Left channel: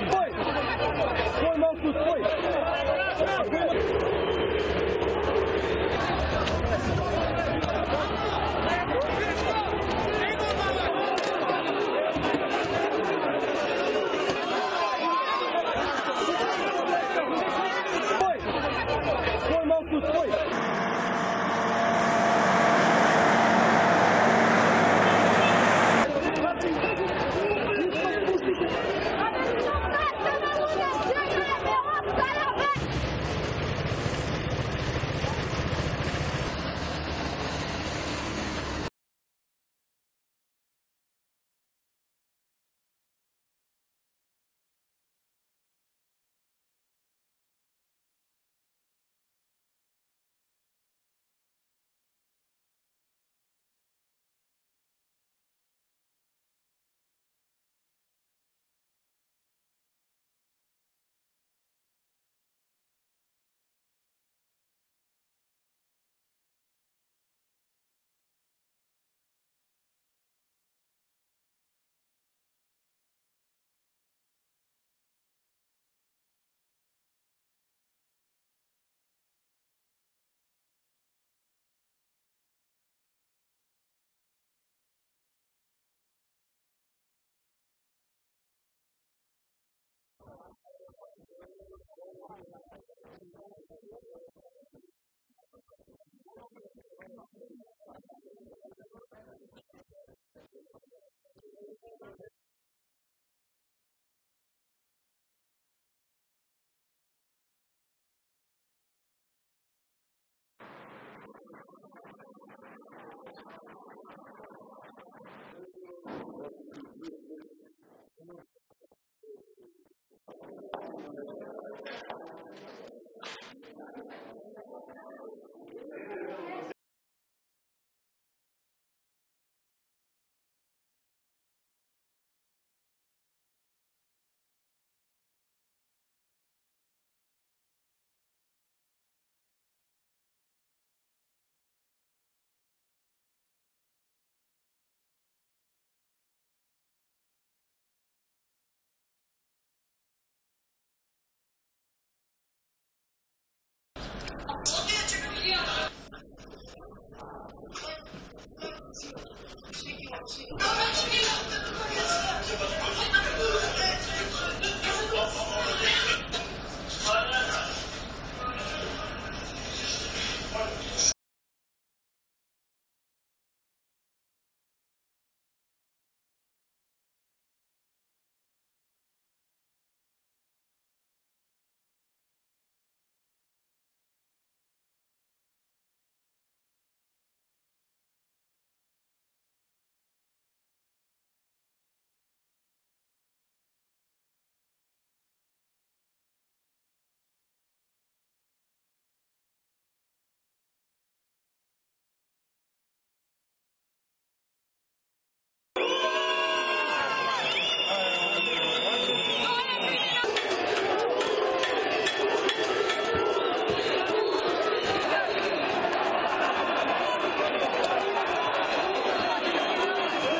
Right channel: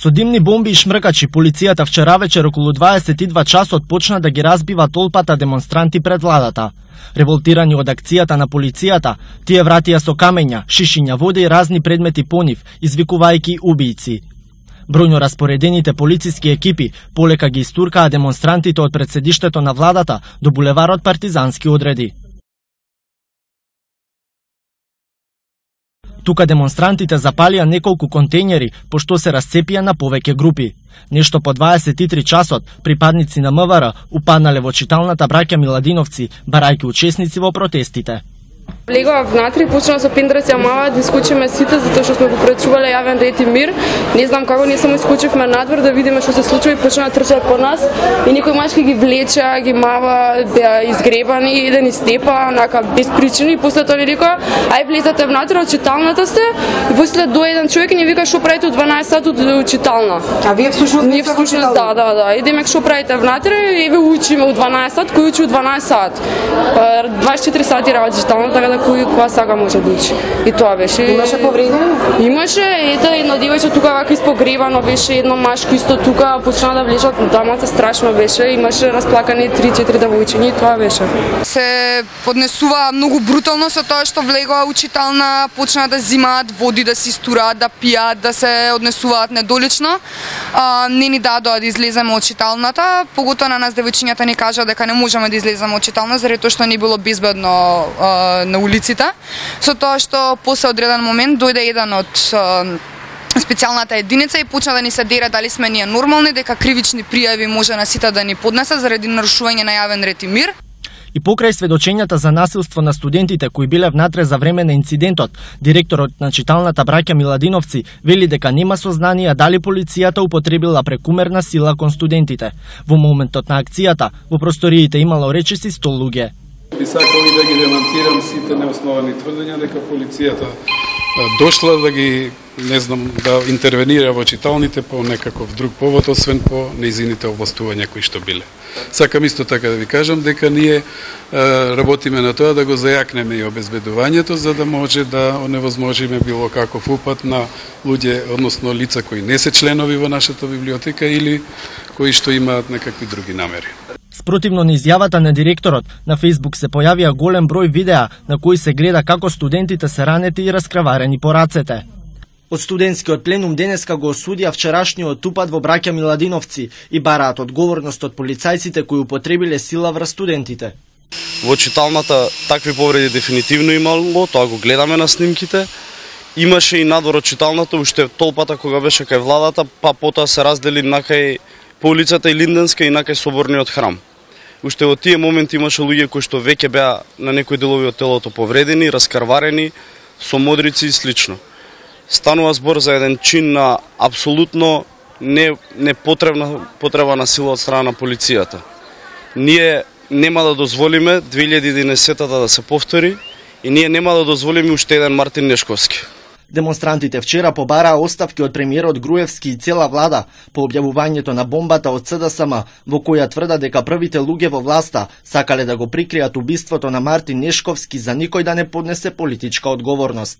Со димни бомби и шмркачи, полицијата вчера вечер околу 22 часот почна да ги разбива толпата демонстранти пред владата. Револтирани од акцијата на полицијата, тие вратија со камења, шишиња вода и разни предмети по нив, извикувајќи убијци. Бројно распоредените полициски екипи полека ги истуркаа демонстрантите од председиштето на владата до булеварот Партизански одреди. Тука демонстрантите запалија неколку контејнери, пошто се расцепија на повеќе групи. Нешто по 23 часот, припадници на МВР упаднале во читалната браќа Миладиновци, барајќи учесници во протестите. Влегува внатре и почна со пендраци мава да искочиме сите затоа што сме го пречувале јавен ред и мир. Не знам како не само искочивме надвор да видиме што се случува и почна да трчаат по нас и некои мачки ги влеча, ги мава, беа изгребани, еден изтепа, онака без причини и после тоа ни рекоа ај влезете внатре, од читалната сте и после дојде еден човек и ни вика што правите од 12 сати од читална. А вие всушност да. Идеме што правите внатре, еве учиме од 12 сати, кој учи од 12 сати. 24 сати работи читална, така да која сака може да учи. И тоа беше. Имаше повредени? Имаше, ето едно девојче тука вака испогребано беше, едно машко исто тука почна да влежат, дамата страшно беше, имаше расплакани 3-4 девојчиња и тоа беше. Се поднесува многу брутално со тоа што влегува учитална, почна да зимаат води, да се истураат, да пијат, да се однесуваат недолично. Не ни дадоа да излеземе од читалната, поготоа на нас девојчињата ни кажа дека не можеме да излеземе од читална заради тоа што не било безбедно на улиците. Со тоа што после одреден момент дојде еден од специјалната единица и почна да ни се дере дали сме ние нормални, дека кривични пријави може на сите да ни поднесат заради нарушување на јавен ред и мир. И покрај сведочењата за насилство на студентите кои биле внатре за време на инцидентот, директорот на читалната браќа Миладиновци вели дека нема сознанија дали полицијата употребила прекумерна сила кон студентите. Во моментот на акцијата, во просториите имало речиси 100 луѓе. Би сакал и да ги демантирам сите неосновани тврдења дека полицијата дошла да ги, не знам, да интервенира во читалните по некаков друг повод, освен по неизините овластувања кои што биле. Сакам исто така да ви кажам дека ние работиме на тоа да го зајакнеме и обезбедувањето, за да може да оневозможиме било каков упад на луѓе, односно лица кои не се членови во нашата библиотека или кои што имаат некакви други намери. Спротивно на изјавата на директорот, на Facebook се појавија голем број видеа на кои се гледа како студентите се ранети и раскраварени по рацете. Од студентскиот пленум денеска го осудија вчерашниот упад во браќа Миладиновци и бараат одговорност од полицајците кои употребиле сила врз студентите. Во читалната такви повреди дефинитивно имало, тоа го гледаме на снимките. Имаше и надвор од читалната, уште толпата кога беше кај владата, па потоа се раздели накај по улицата и Линденска и накај Соборниот храм. Уште во тие моменти имаше луѓе кои што веќе беа на некои делови од телото повредени, раскарварени, со модрици и слично. Станува збор за еден чин на апсолутно потреба на сила од страна на полицијата. Ние нема да дозволиме 2011-та да се повтори и ние нема да дозволиме уште еден Мартин Нешковски. Демонстрантите вчера побараа оставки од премиерот Груевски и цела влада по објавувањето на бомбата од СДСМ, во која тврдат дека првите луѓе во власта сакале да го прикријат убиството на Мартин Нешковски за никој да не поднесе политичка одговорност.